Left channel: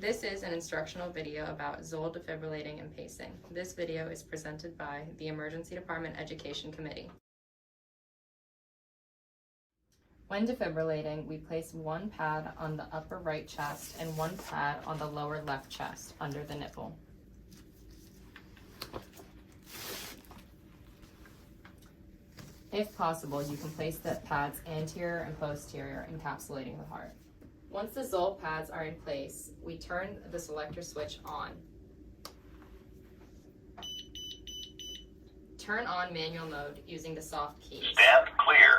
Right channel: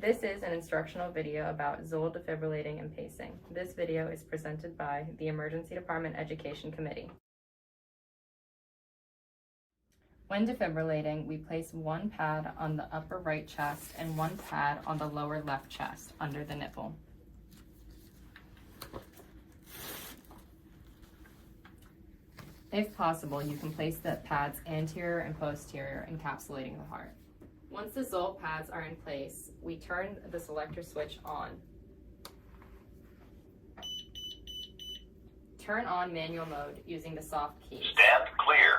This is an instructional video about Zoll defibrillating and pacing. This video is presented by the Emergency Department Education Committee. When defibrillating, we place one pad on the upper right chest and one pad on the lower left chest under the nipple. If possible, you can place the pads anterior and posterior, encapsulating the heart. Once the Zoll pads are in place, we turn the selector switch on. Turn on manual mode using the soft keys. Stand clear.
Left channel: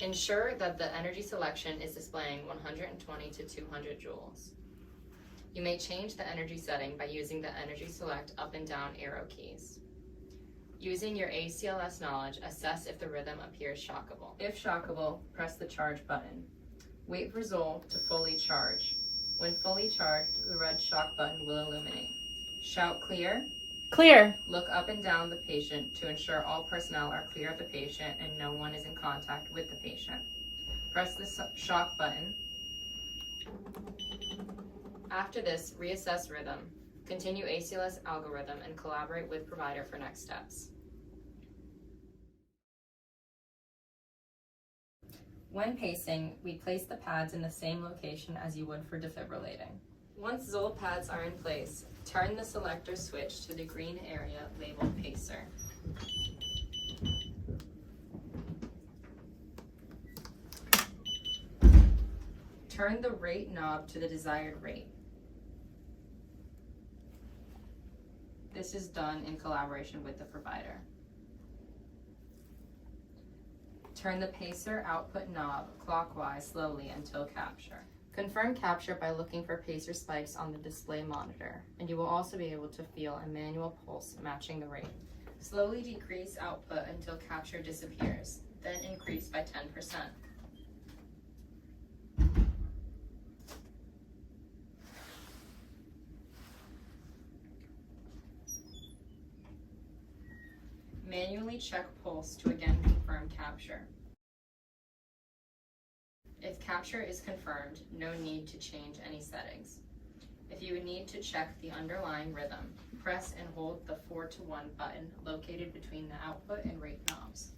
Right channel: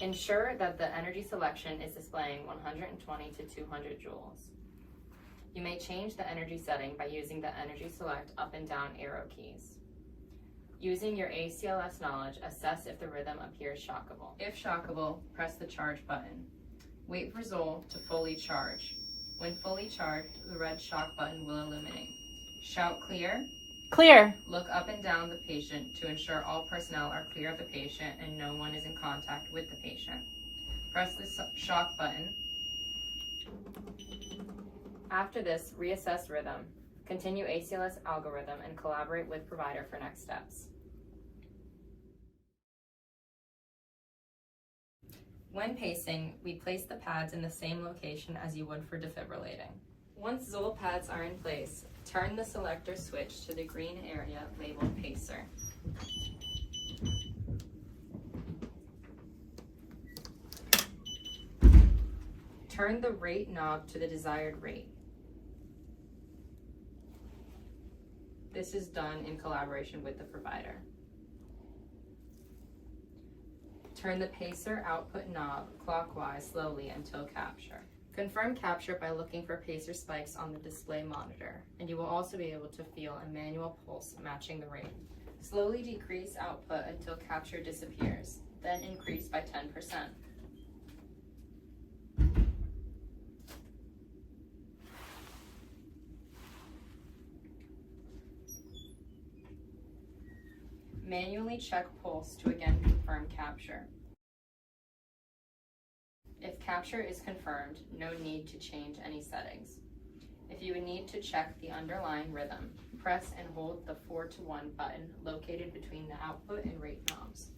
Ensure that the energy selection is displaying 120 to 200 joules. You may change the energy setting by using the energy select up and down arrow keys. Using your ACLS knowledge, assess if the rhythm appears shockable. If shockable, press the charge button. Wait for Zoll to fully charge. When fully charged, the red shock button will illuminate. Shout clear. Clear. Look up and down the patient to ensure all personnel are clear of the patient and no one is in contact with the patient. Press the shock button. After this, reassess rhythm. Continue ACLS algorithm and collaborate with provider for next steps. When pacing, we place the pads in the same location as you would for defibrillating. Once Zoll pads are in place, turn the selector switch to the green area labeled Pacer. Turn the rate knob to the desired rate. This is done in collaboration with the provider. Turn the pacer output knob clockwise slowly until capture. Confirm capture by looking for pacer spikes on the display monitor, and you will also be able to feel a manual pulse matching the rate. Slowly decrease output until capture disappears, then increase by 10%. Manually check pulse to again confirm capture. If capture is confirmed, no need to change any settings. If you would need to check the underlying rhythm, press and hold the 4-to-1 button located between the output and rate knobs.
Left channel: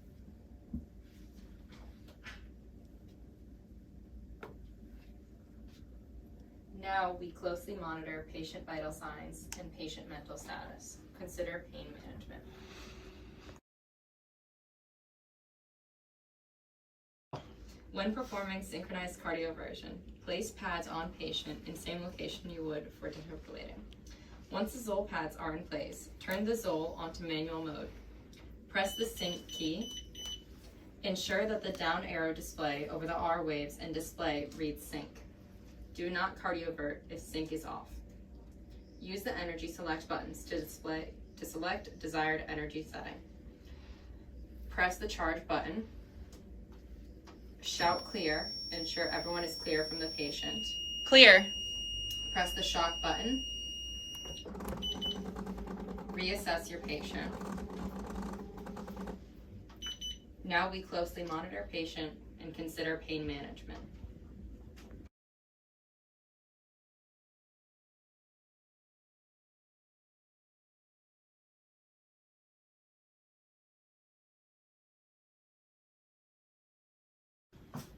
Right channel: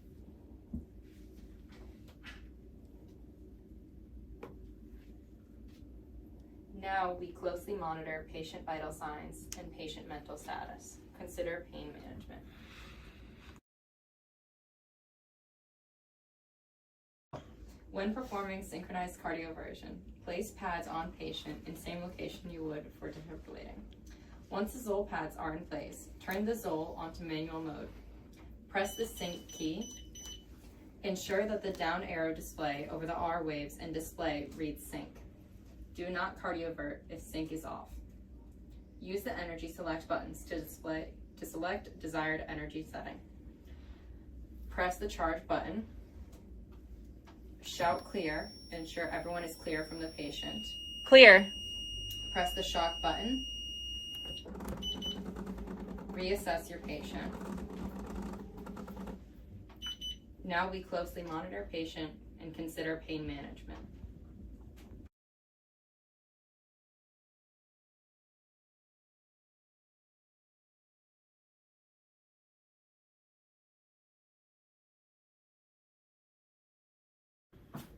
Now we closely monitor patient vital signs and patient mental status. Consider pain management. When performing synchronized cardioversion, place pads on patient in same location you would for defibrillating. Once the Zoll pads are in place, turn the Zoll onto manual mode. Press the sync key. Ensure that the down arrow display over the R waves and display reads sync. Do not cardiovert if sync is off. Use the energy select buttons to select desired energy setting. Press the charge button. Shout clear, ensure everyone is clear from the patient. Clear. Press the shock button. Reassess your patient. Now we closely monitor patient and consider pain management.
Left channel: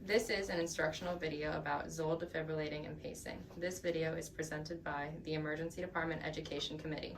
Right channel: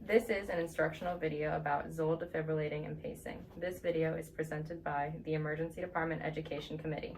This is an instructional video about Zoll defibrillating and pacing. This video is presented by the Emergency Department Education Committee.